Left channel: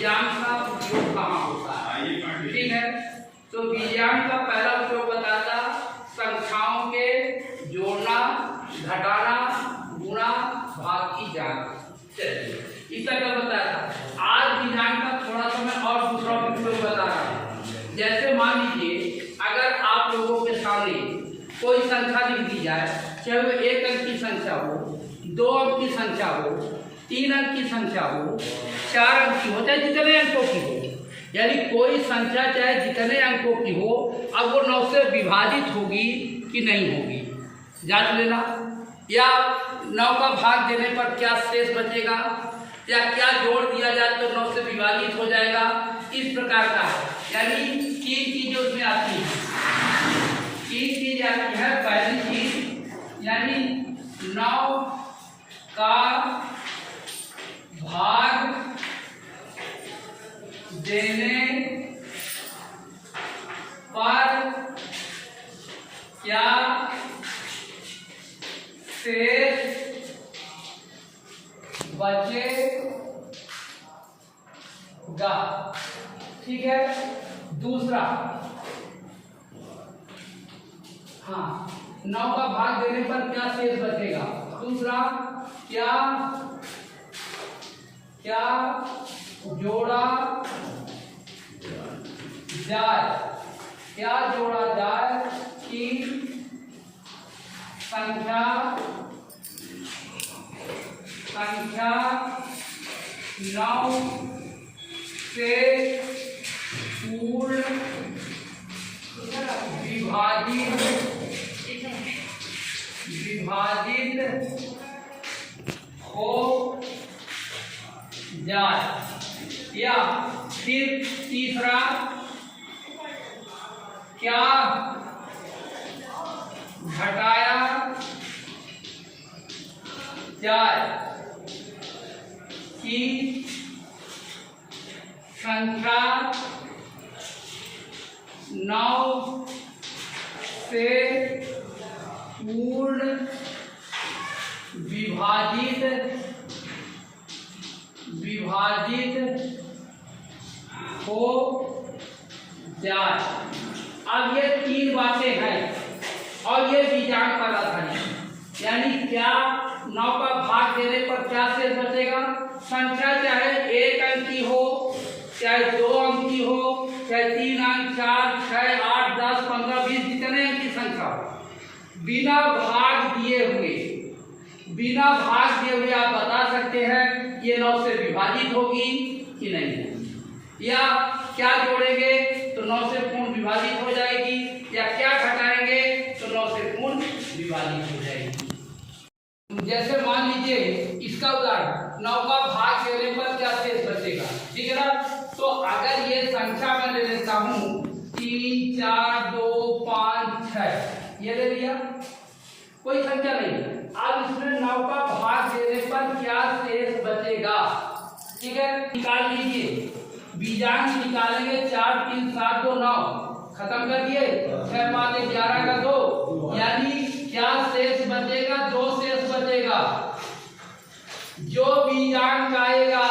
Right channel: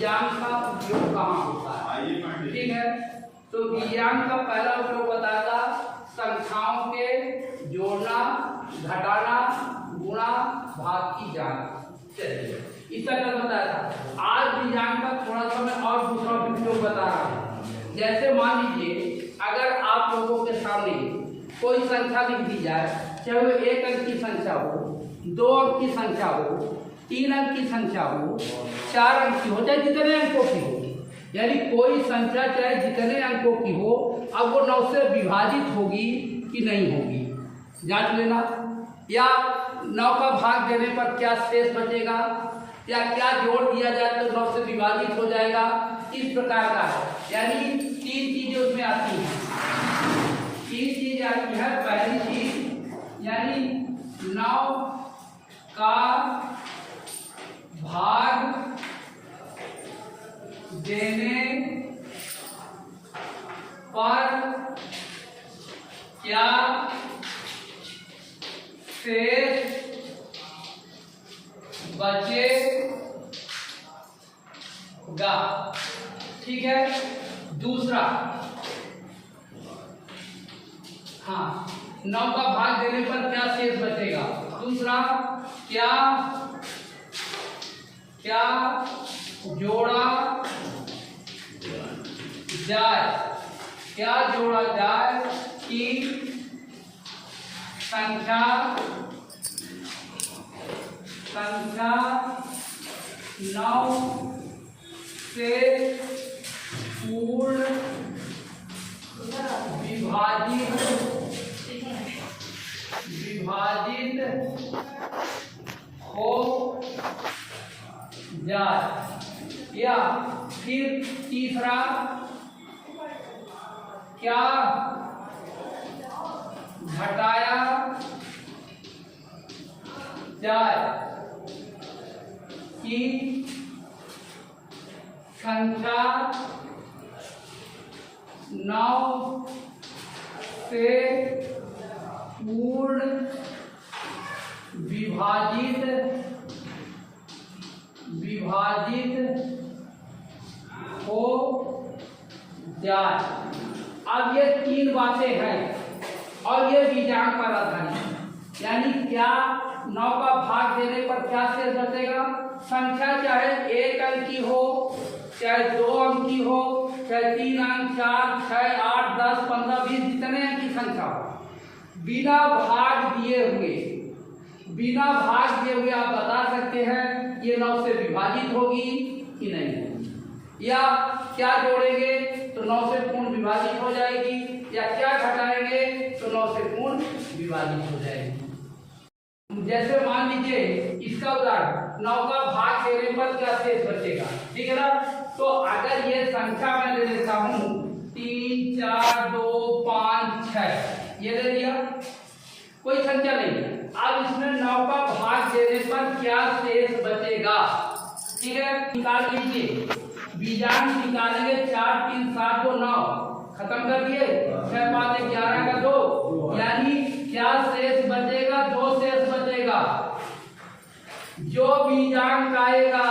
बीजांग का उपयोग कहाँ होता है। ठीक है, तो बीजांग का पहला उपयोग बताता संख्याओं के जोड़ना, घटाना, गुणा, भाग की जांच। इस तरह बताया था। आज बीजांग का थोड़ा सा मैं और दूसरा उपयोग बता रहा हूँ। जैसे मान लीजिए अगर आप लोगों के सामने कोई संख्या लिख दी जाए, चाहे वो 1 अंक की संख्या हो, 2 अंक की संख्या हो, 3 अंक की संख्या हो, 4 अंक की हो, चाहे जितने अंकों की हो, यानी कोई संख्या चाहे जितने अंकों की हो, अब वो 9 से विभाजित होगी कि नहीं होगी, जांच लेना। या 9 का भाग देने पर क्या शेष बचेगा, या क्या जोड़ दिया जाए तो 9 से विभाजित हो जाएगा, इस प्रकार का है। यानी 3 चीजें उसमें आती हैं। 3 चीज आती है। पहली चीज यानी 9 का भाग देने पर क्या शेष बचेगा। ठीक है, दूसरा, हाँ, 9 का भाग देने पर क्या शेष बचेगा। दूसरा, क्या जोड़ा जाए, क्या जोड़ा जाए कि संख्या 9 से पूर्ण विभाजित हो जाए। या फिर तीसरा, क्या घटाया जाए कि संख्या 9 से पूर्ण विभाजित हो जाए। अब ये 3 बातें हैं और ये बीजांग पर आधारित। यानी क्या 9 का भाग देने पर क्या शेष बचेगा। संख्या चाहे 1 अंक की हो, चाहे 2 अंक की हो, चाहे 3 अंक, 4, 6, 8, 10, 15, 20 जितने अंक की संख्या हो, बिना भाग दिए हुए आप बता सकते हैं ये 9 से विभाजित होगी कि नहीं होगी। या क्या जोड़ेंगे तो 9 से पूर्ण विभाजित हो जाएगी, या क्या घटाएंगे तो 9 से पूर्ण विभाजित हो जाएगी। जैसे मान लीजिए इसका उदाहरण 9 का भाग देने पर क्या शेष बचेगा। ठीक है ना, तो अगर ये संख्या मैं ले लेता हूँ 3, 4, 2, 5, 6, ये ले लिया, कोई संख्या नहीं। अब इसमें 9 का भाग देने पर क्या शेष बचेगा। ठीक है, निकाल लीजिए, बीजांग निकालेंगे। 4, 3, 7, 2, 9, खत्म कर दिए। 6, 5, 11 का 2, यानी क्या शेष बचेगा, 2 शेष बचेगा। जो बीजांग आएगा,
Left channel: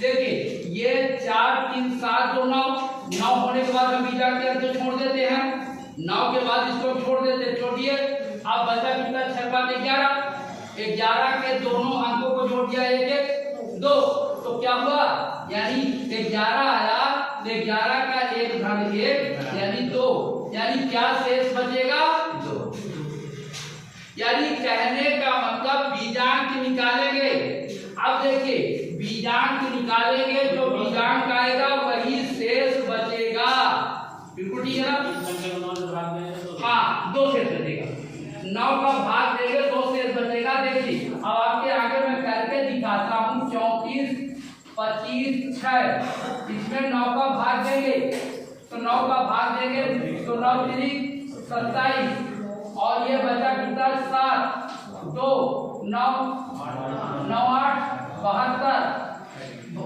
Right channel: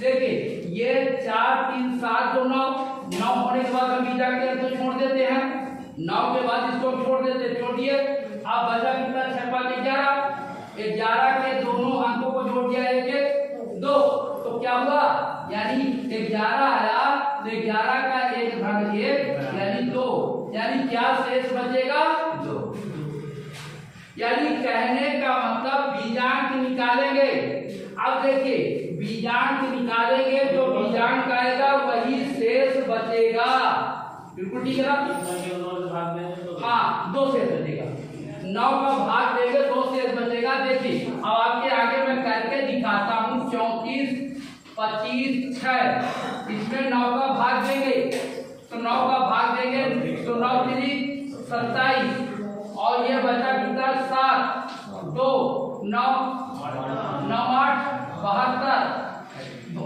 देखिए ये 4, 3, 7, 2, 9 होने के बाद हम बीजांग के अंक छोड़ देते हैं। 9 के बाद इसको छोड़ देते, छोड़िए। अब बचा कितना, 6, 5, 11 के दोनों अंकों को जोड़ दिया 1, 1, 2, तो क्या हुआ, यानी 11 आया, 11 का 1/1 यानी 2, यानी क्या शेष बचेगा, 2। यानी कहने का मतलब बीजांक निकालेंगे। अब देखिए बीजांक निकालेंगे, जो बीजांक आएगा वही शेष बचेगा। बिल्कुल ठीक है ना। हाँ, 2 शेष बचेगा। 9 का भाग देंगे, 2 शेष बचेगा। देखिए अब आपके आगे मैं करके दिखाता हूँ। 34, 25, 6, इसमें 9 का भाग देंगे तो 9 का भाग देंगे तो 9 3 27, और ये बचा कितना, 7, 2, 9, 9, 8, 72,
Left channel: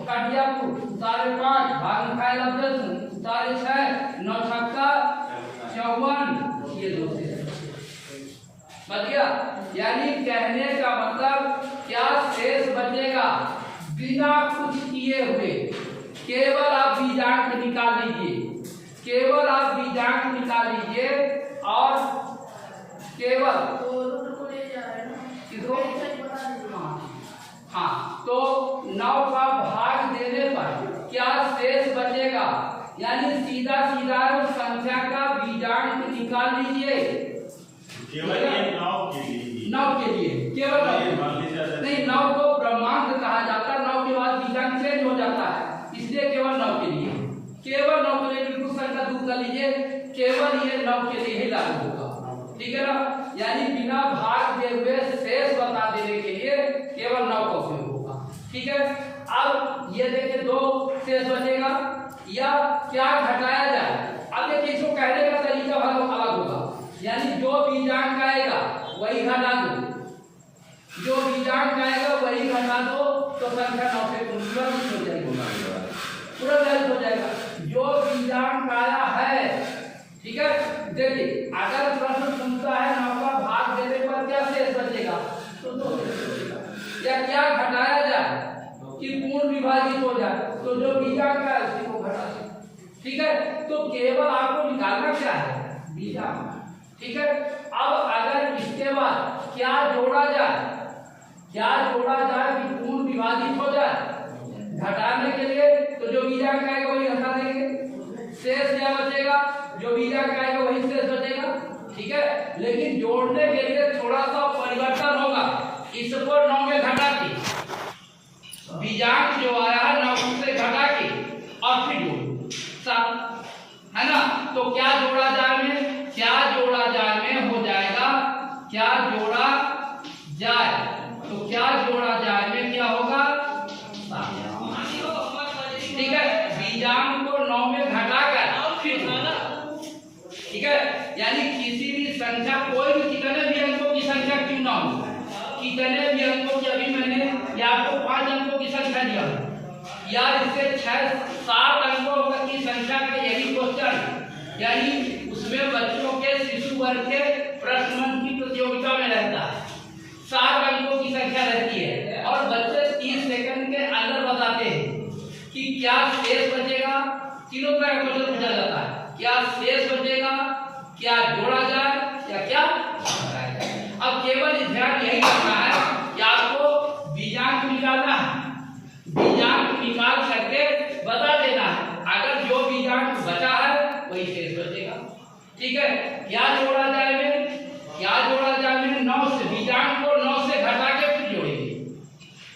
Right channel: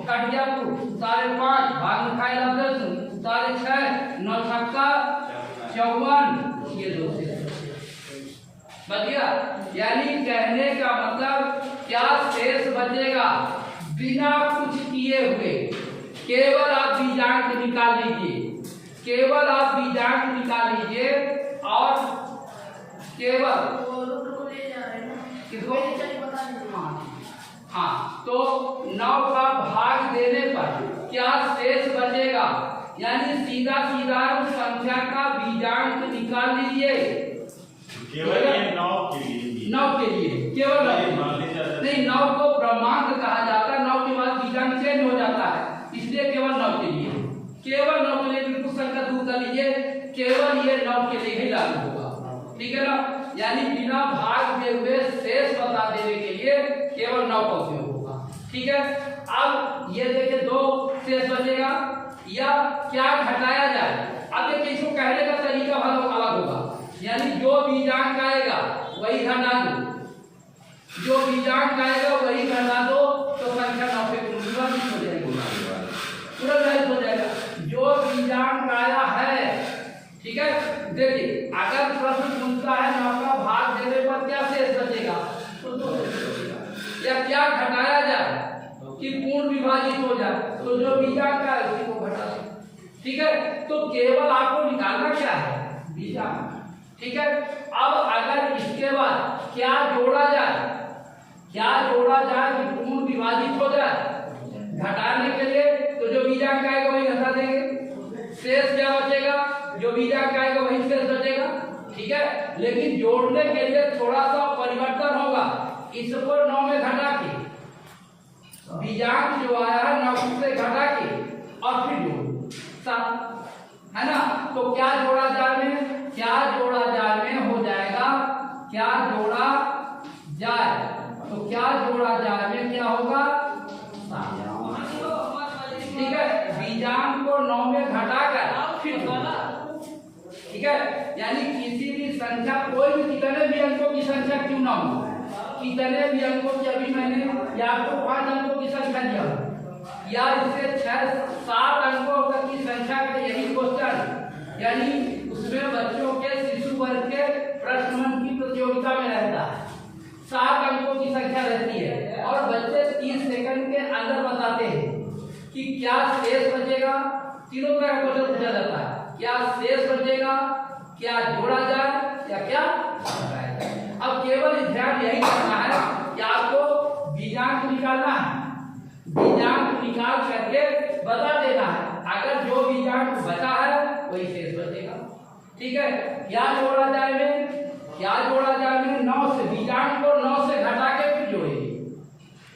कटिया 5 भाग खाए 6, 9 छक्का 54, ये 2 से बच गया। यानी कहने का मतलब क्या शेष बचेगा बिना कुछ किए हुए, केवल आप बीजांक निकाल लीजिए, केवल आप बीजांक निकाल लीजिए और केवल किसको, हाँ, तो 9 का भाग देने पर क्या शेष बचेगा, यानी सीधा सीधा संख्या का बीजांक निकाल लीजिए। केवल ये 9 के लिए केवल नहीं, 9 को ब्रह्मांक कहा जाता है, 9 के बाद बीजांक चेंज हो जाता है, इसलिए केवल 9 के लिए, केवल 9 के लिए बिल्कुल संख्या दूर कर लीजिए, केवल ये 9 के लिए ही लागू होगा, ठीक है ना। यानी बिना भाग दे हुए शेष बता देने के लिए केवल 9 का उपयोग होगा, ठीक है। अब ये देखिए 2 शेष बचेगा, या क्या घटाया जाए। अब देखिए इसको कहने का तरीका अलग होगा, यानी जो बीजांक आएगा वही घटा दो, जो बीजांक आएगा वही घटा दो, तो संख्या 9 से पूरा हो जाएगी, पूरा हो जाएगा। जो बीजांक आया है, ठीक है। देखिए अगर प्रश्न पूछता है 9 का भाग देने पर क्या शेष बचेगा, तो 2 बचेगा, या क्या घटाया जाए कि पूर्ण विभाजित हो जाए, तो जो बीजांक है उसी को घटा दो, ठीक है। तो केवल आपको निकालना क्या है, बीजांक, ठीक है। अब अगर इसके बाद क्या जोड़ा जाए, क्या जोड़ा जाए कि पूर्ण विभाजित हो जाए, घटाने के लिए तो जो बीजांक आएगा वही घटा देंगे, शेष क्या बचेगा, जो बीजांक आएगा वही शेष बचेगा, ठीक है। लेकिन जोड़ने के लिए थोड़ा सा परिवर्तन होगा, इसको 9 में घटा के बीजांक जो आया है 9 से घटा के और फिर जोड़ 7, है ना। तो क्या जोड़ा जाए में, क्या जोड़ा जाए में हो जाएगा, क्या जोड़ा जाए, तो क्या जोड़ा जाए में क्या होगा, 7, ठीक है। बीजांक को 9 में घटाकर फिर जोड़ा, ठीक है। यानी किसी भी संख्या, कोई भी कितने भी अंकों की संख्या क्यों ना हो, कितने भी अंकों की, अभी मैंने या आपको 5 अंकों की संख्या दिया या इससे 6-7 अंकों तक की संख्या का यही क्वेश्चन, यानी उसमें बच्चों के शिशु वर्ग के प्रश्न मंच की प्रतियोगिता में रहता है, 7 अंकों की संख्या रहती है और बच्चे 30 सेकंड के अंदर बताते हैं कि क्या शेष बचेगा, तीनों तरह का क्वेश्चन पूछा जाता है, क्या शेष बचेगा, क्या जोड़ा जाए या क्या घटाया जाए। अब केवल ध्यान यही रखना है कि आपको बीजांक निकालना है, बीजांक निकाल करके बता देना है, अगर जो बीजांक बचा है वही शेष बचेगा, ठीक है। क्या जोड़ा जाएगा, क्या जोड़ा जाएगा, 9 से बीजांक को 9 से घटा के फिर जोड़ेंगे,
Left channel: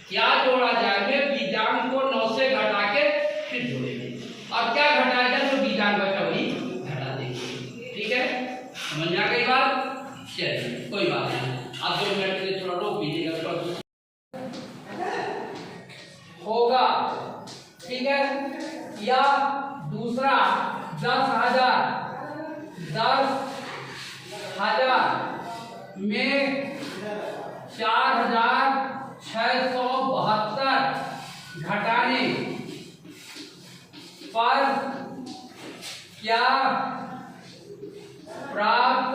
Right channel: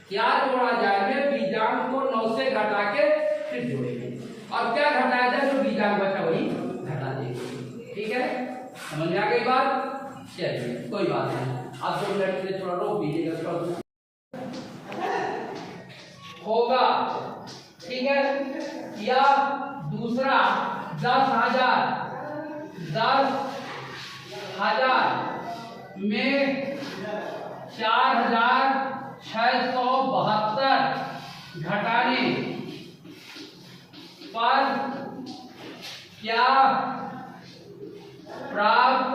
क्या जोड़ा जाएगा, बीजांक को 9 से घटा के फिर जोड़ेंगे, और क्या घटाया जाए, जो बीजांक बचा वही घटा देंगे, ठीक है। समझ में आ गई बात, चलिए कोई बात नहीं, आप 2 मिनट के लिए थोड़ा रोक लीजिएगा, होगा, ठीक है। या दूसरा 10,000 में 4,672 घटाने पर क्या प्राप्त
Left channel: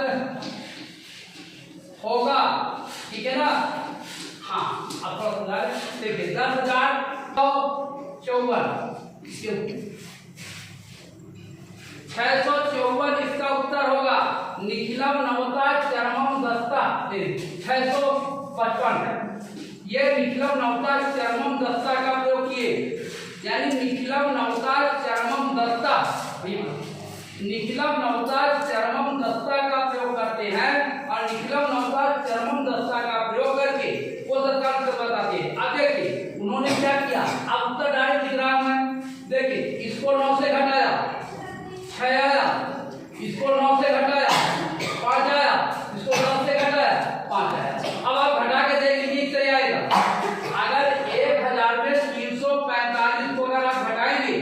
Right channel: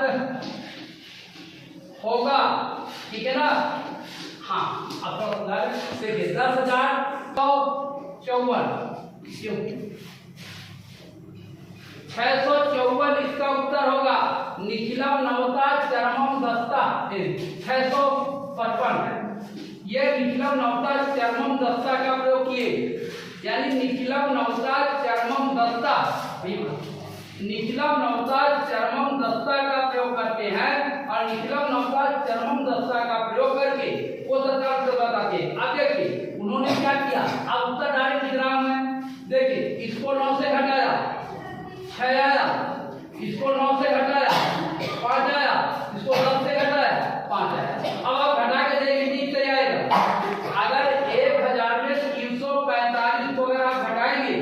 होगा, ठीक है ना। हाँ, अब देखिए 10,054 654 इसका उत्तर होगा, निखिलम नवता चरमम दस्ता 655, ये निखिलम नवता चरमम दस्ता का प्रयोग किए, यानी निखिलम नवता चरमम दस्ता, निखिलम नवता चरमम दस्ता का प्रयोग करते हैं और निखिलम नवता चरमम दस्ता का प्रयोग करके वो दस्ता उत्तर बताते हैं। अब देखिए उन्होंने क्या किया, अब उत्तर डायरेक्ट लिख रहा हूं मैं, देखिए इसको 9 से घटाया 6 आया, इसको 9 से घटाया 5 आया, इसको 10 से घटाया 5 आया। अब आप घटा के देख लीजिए कितना आएगा, अगर 1000 में 345 को अगर आप घटाएंगे,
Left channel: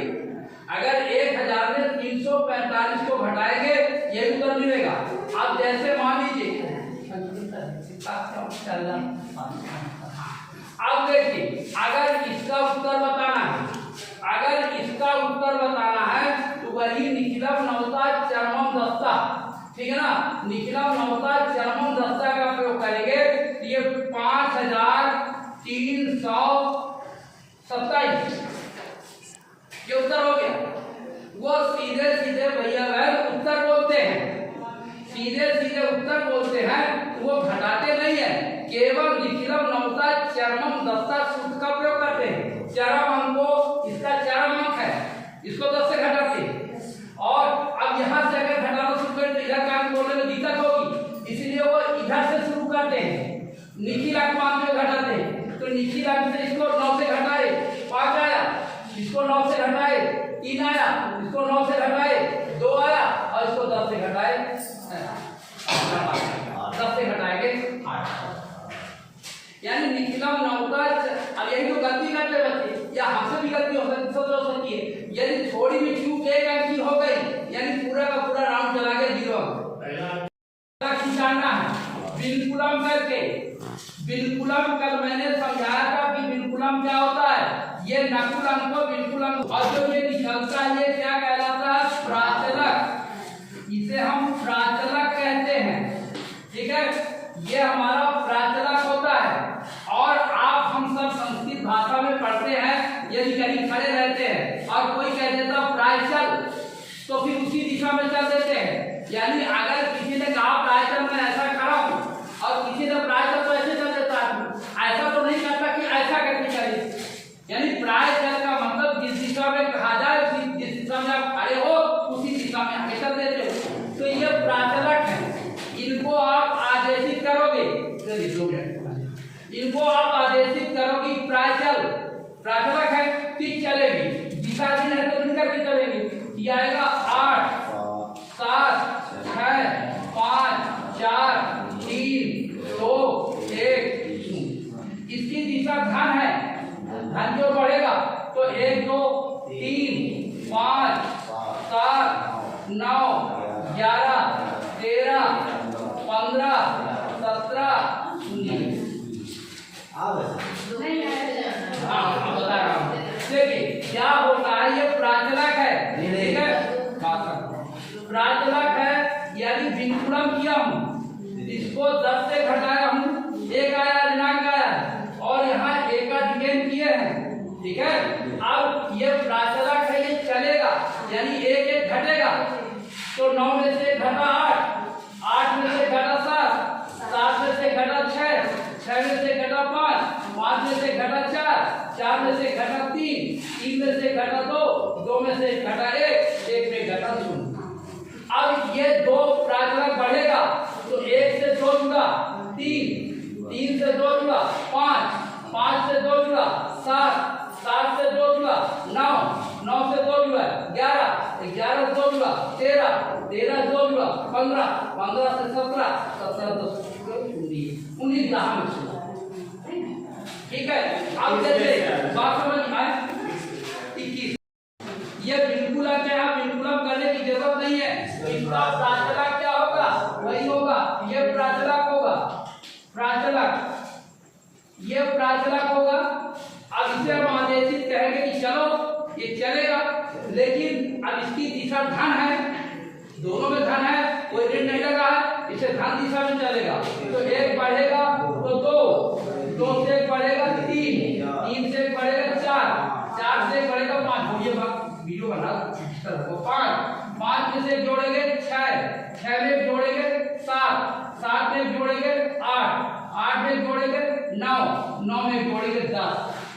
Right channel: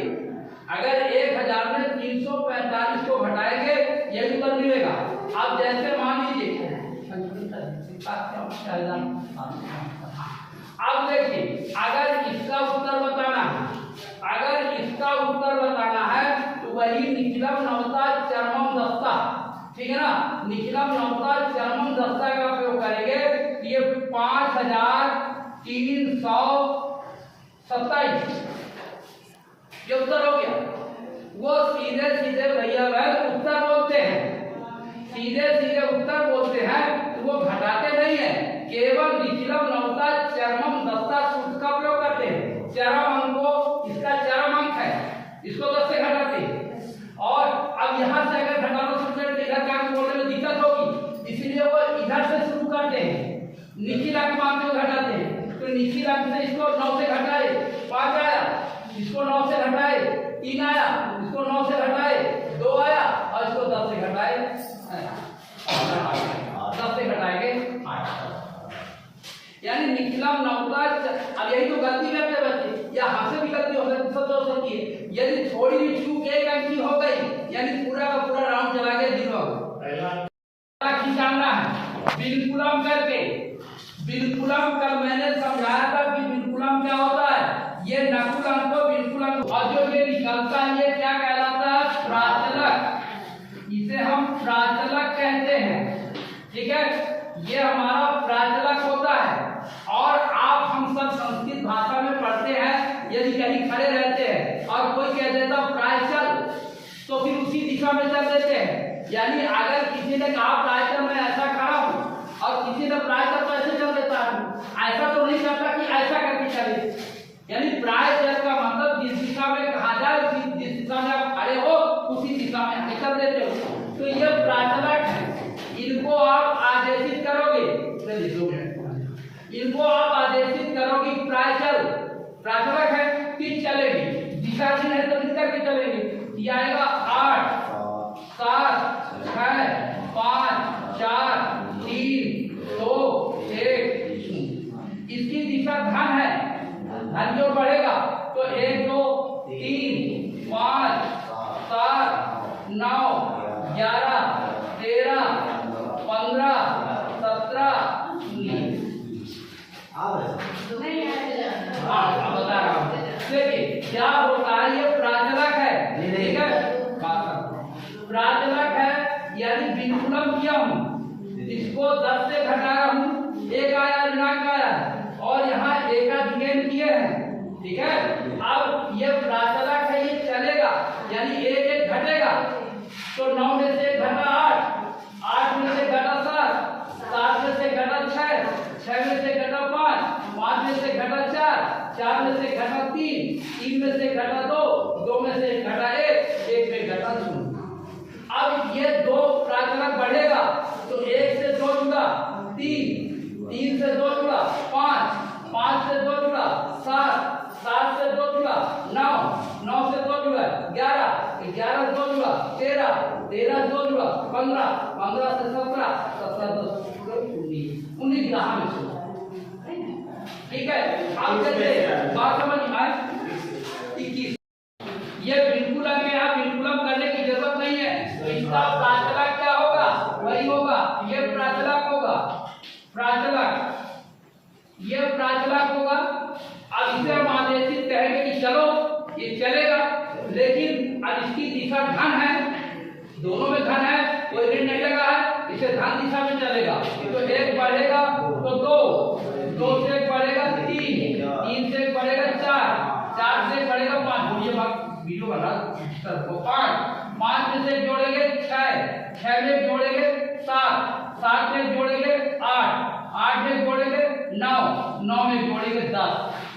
अगर 1000 में 345 को घटाएंगे यही उत्तर मिलेगा। आप जैसे मान लीजिए, अब देखिए अगर इसका उत्तर बताना है, अगर इसका उत्तर बताना है तो वही निखिलम नवता चरमम दस्ता, ठीक है ना, निखिलम नवता चरमम दस्ता का प्रयोग करेंगे, ये 5327 ये उत्तर हो गया। वो सीधे सीधे भैया बहन उत्तर बोलते हैं, सीधे सीधे उत्तर बोलते हैं, वो घटाते नहीं है, केवल निखिलम नवता चरमम दस्ता सूत्र का प्रयोग करते हैं। चरम अंक को, इसका चरम अंक है, इसको 10 से घटाते हैं। और अब यहाँ से अगर घटाना शुरू करें तो इधर का अंक बोलने में दिक्कत होगी, इसलिए वो इधर से शुरू करते हैं, निखिल अंक मान के घटाते हैं। तो निखिल अंक से इसको 9 से घटाए 5 आया, इसको 9 से घटाए 3 आया, इसको 9 से घटाए 2 आया, और इसको 10 से घटाए 10 से घटाएंगे 8। यानी निखिलम नवता। अब यही तो गलती करते बच्चे, या हमसे भी गलती हो सकती है। यदि थोड़ी भी चूक एक अंक की हो गई, यानी पूरा का पूरा राउंड चला गया 0। खिंचाना है बिल्कुलम करके। बिल्कुलम कल मैंने समझाया था कि बिल्कुलम क्या होता है, ये नकुल अंक को बिल्कुलम, और जो ये निकलता है ये क्या कहलाता है, प्राचलक। इसे हम प्राचलक कहते हैं, ठीक है, ये हमारा प्राचलक होता है। और आप हम सब संस्कृत भाषा में पढ़ते हैं, यदि कहीं खड़े रहते हैं और कोई कह देता प्रायचल, तो फिर उसी दिशा में चल देते हैं। यानी अगर किसी ने कहा प्रायचल मैं ऐसा खड़ा हूँ, और किसी ने प्रायचल तो ऐसे चल देता है, ऐसा तो नहीं करता कि ऐसा करके चले। यानी प्रायचल का मतलब जिस दिशा में कहा जाए, जिस दिशा में आप खड़े हो उसी दिशा में आगे चल देते हो। तो ये प्राचलक है, इनको आप आदेशित करोगे, इनको आप आदेशित करोगे प्राचल, प्राचलक है, फिर चलेगी, दिशा भी है तो दिशा की चलेगी। ये आएगा 8 7 6 5 4 3 2 1। इसकी दिशा धन है, धन जो बढ़ेगा तो 1 2 3 5 7 9 11 13 15 17 19। बता रहा हूँ, देखिए क्या होता है, ये प्राचलक है, ठीक है, प्राचलक है। यदि बिल्कुलम किया हूँ, इसको 10 से घटाया हूँ, 1 आया, ऋणांक आया, और यहाँ एकाधिकेन किए हैं, ठीक है। अब ये प्राचलक है, ये चलेगा, यानी 1 1 घटेगा, तो 9 में से घटा 8, 8 में से घटा 7, 7 में से घटा 6, 6 में से घटा 5, 5 में से घटा 4, 4 में से घटा 3, 3 में से घटा 2, 2 में से घटा 1, 1 में घटा 0। अब ये 2 प्राचलक बढ़ेगा, तो 1 से 2 जुड़ा 3, 3 से 2 जुड़ा 5, 5 से 2 जुड़ा 7, 7 से 2 जुड़ा 9, 9 से 2 जुड़ा 11, 11 से 2 जुड़ा 13, 13 से 2 जुड़ा 15, 15 से 17, 17 से 19, ठीक है। अब जैसे बात समझ आए 21, ये बिल्कुल क्या, बिल्कुलम करने की जरूरत नहीं है, इनका प्राचलक क्या होगा वही होगा, ये प्राचलक होगा, प्राचलक, ये प्राचलक होगा। अब इसे हम आदेशित कहेंगे कि चलो ये चलेगा, लेकिन अब इसकी दिशा धन है, दोनों में धन है, कोई ऋण नहीं लगा है, इसे धन दिशा में चलेगा। तो 1 बढ़ेगा तो 2, 2 से 1 बढ़ेगा 3, 3 से 1 बढ़ेगा 4, 4 से 1 बढ़ेगा 5, ये बात वीडियो बना 5, 5 में से जोड़ेंगे 6, 6 में जोड़ेंगे 7, 7 में जोड़ेंगे 8, 8 में जोड़ेंगे 9, 9 में जोड़ेंगे 10।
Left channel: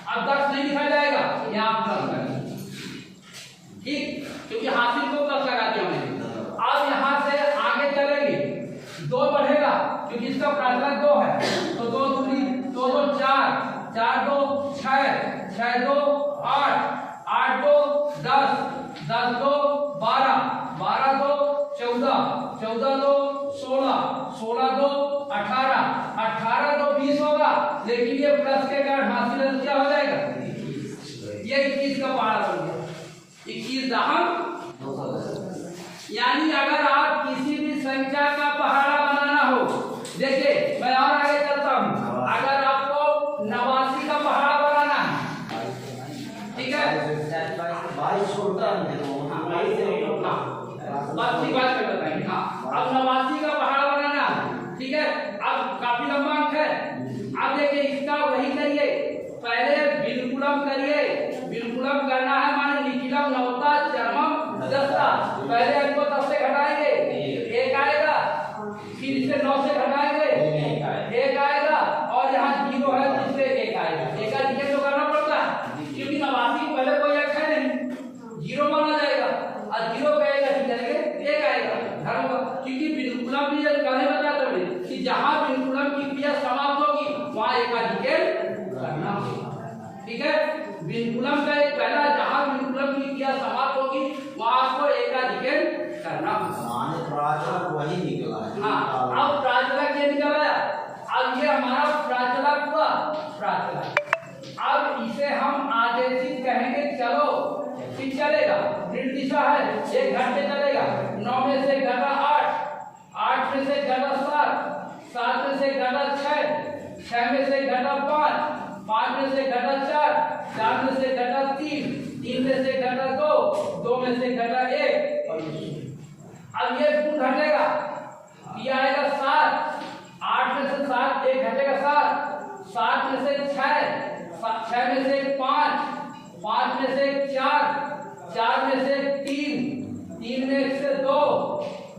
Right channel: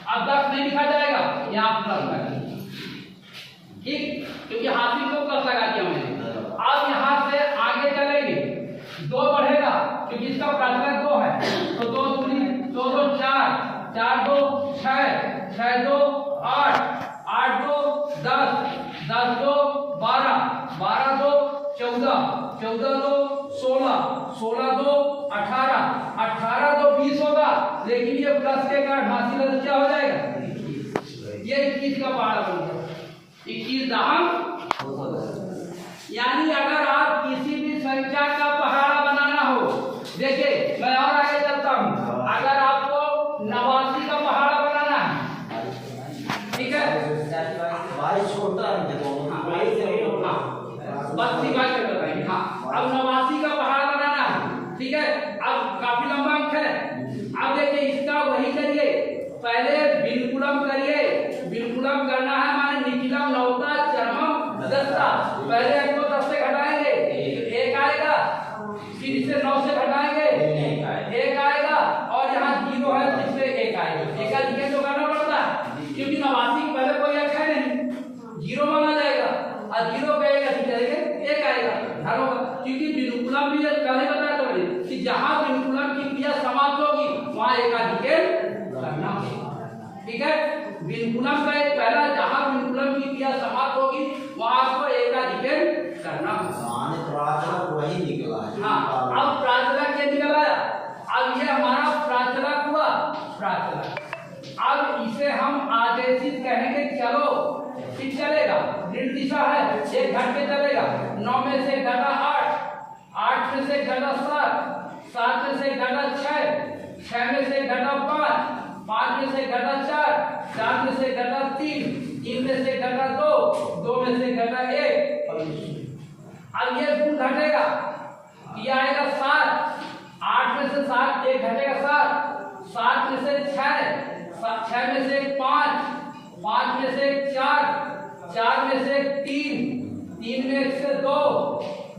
अब 10 नहीं लिखा जाएगा, यहाँ प्लस लगेगा, ठीक, क्योंकि हासिल को प्लस लगा दिया मैंने। अब यहाँ से आगे चलेंगे, 2 बढ़ेगा, क्योंकि इसका प्राचलक 2 है, तो 2 दूनी 2 2 4, 4 2 6, 6 2 8, 8 2 10, 10 2 12, 12 2 14, 14 2 16, 16 2 18, 18 2 20 होगा, लेकिन ये प्लस के कारण हासिल है तो क्या हो जाएगा, ये 21 का पहाड़ा बन गया, 21 दहम। यानी अगर आप किसी भी संख्या का पहाड़ा बनाना हो, देखिए मैं और आगे चलता हूँ, अगर आपको 89 का पहाड़ा बनाना है, ठीक है, 22 छोटा है, 32 बात कर बताएंगे, हाँ, अब 89 का पहाड़ा बनाना है, ठीक है। अब काफी लंबा अंक है, अब देखिए इसका वही करिए, पहले बिल्कुलम करिए, बिल्कुलम करना है माने निखिलम इसे 9 से घटाएंगे एक आएगा, और यहाँ 0 है तो इससे 1 आएगा। एक का जिक्र तो करना पड़ता है क्योंकि 89 पहले कोई एक है नहीं, 0 माना जाएगा और 0 कहेगा ठीक करेंगे 1 आएगा ध्यान होगा। क्योंकि विनुकुलम भी पहले बताया था कि जहाँ विनुकुलम की क्रिया समाप्त होगी वहाँ एक का जिक्र करना होगा। ठीक है, विनुकुलम का एक पहला जहाँ विनुकुलम की क्रिया समाप्त होगी वहाँ आपको एक का जिक्र करना होगा। प्राचलक वही निकला है। हाँ, अब प्राचलक ये निकला है, अब ये हमारा प्राचलक हुआ प्राचलक। अब इसे हम आदेशित कहेंगे चलो, ठीक चलेगा, ऋण दिशा है, एक घट के चलेगा, 9 में से घटा 8, 8 में से घटा 7, 7 में से घटा 6, 6 में से घटा 5, 5 में से घटा 4, 4 में से घटा 3, 3 में से घटा 2, 2 में से घटा 1। अब ये गुण घटेगा, ये आएगा 7, 8 में से 7 एक घटेगा 7, 7 में से 6, 6 में से 5, 5 में से 4, 4 में से 3, 3 में से 2,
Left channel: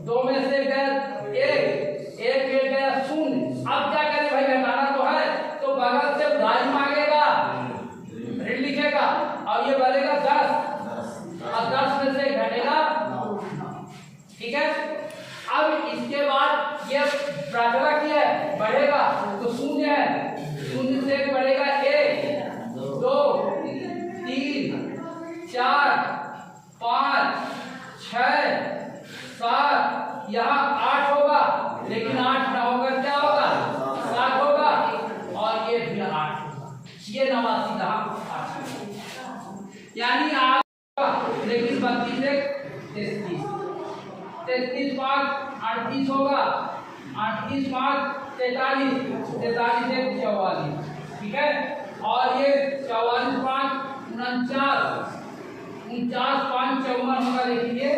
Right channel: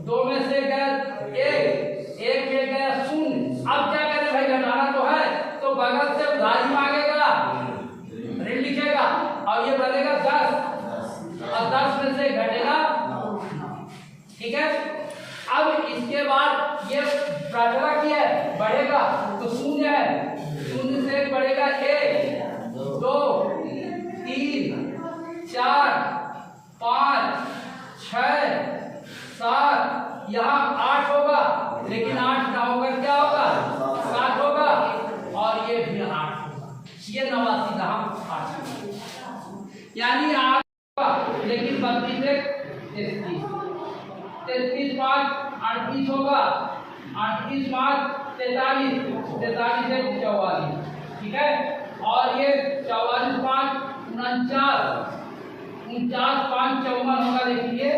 2 में से गया 1, 1 में गया 0। अब क्या करें भाई, घटाना तो है तो बगल से उधारी मांगेगा, ऋण लिखेगा, अब ये बनेगा 10 और 10 में से घटेगा 9। ठीक है, अब इसके बाद ये प्राचलक है बढ़ेगा तो 0 है, 0 से बढ़ेगा 1, 2, 3, 4, 5, 6, 7, यहाँ 8 होगा, लेकिन 8 ना होगा क्या होगा 7 होगा, और ये भी 8 होगा, ये 89 का 8 यानी 8 होगा, लेकिन 32 से 33, 33 5 38 होगा, 38 5 43, 43 से 44। ठीक है, और ये 44 5 49, 49 5 54 होगा, लेकिन ये